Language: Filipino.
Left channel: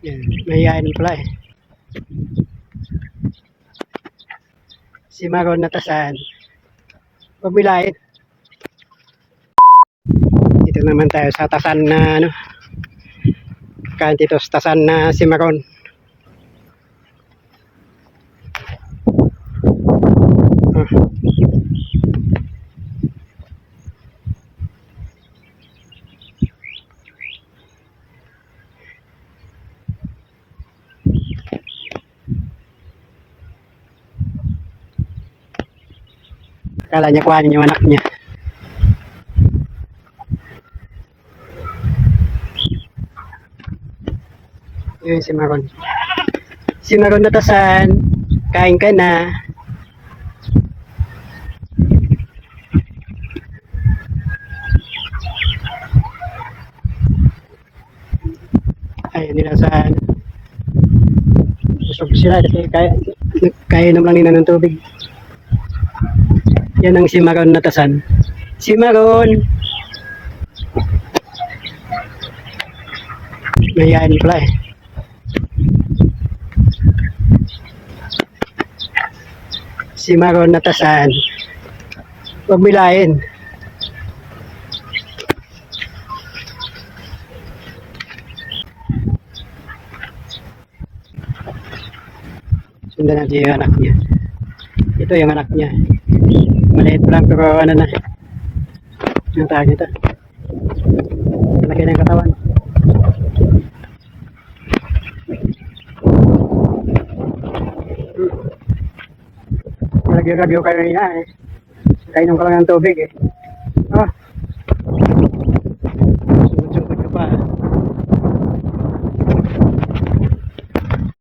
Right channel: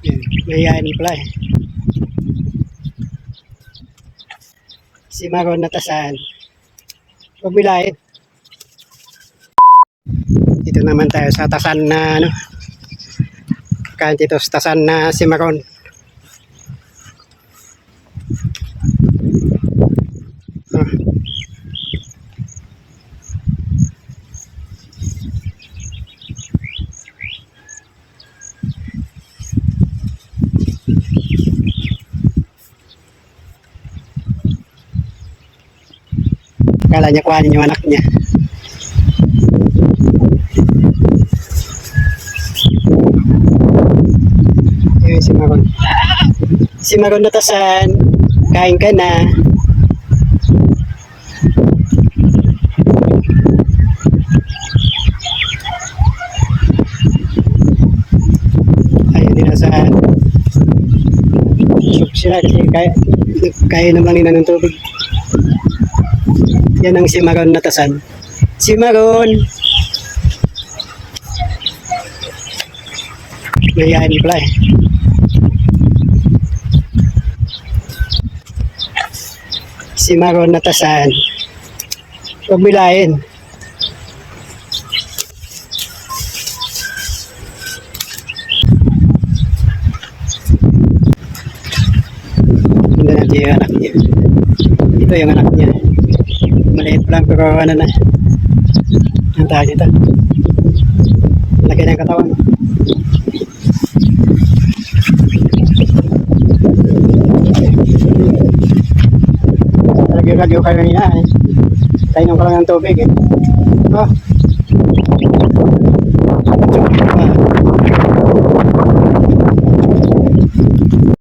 Yan, mahihain pala eh. Si Maron natasan. Pagbilait. Dito naman tayo sa tasan na ano. Kain dito sa tasan na si Maron. Kala niya kuhanin yung anak niya. Yun si Maron. Si Maron natasan. Kain ka na. Ayun din sa sub sila kasi kainom lang nila ng tubig. Yan ang si Maron natasan. Si Maron. Mahihain pala eh. Si Maron natasan. Pagbilain. Hindi natin yung anak niya. Ito yung anak niya. Maliit lang pero ano na. Ang tawag dito. Laki ng katawan. Radyo kayo niya eh. Kainom ka lang ng tubig eh. Oh.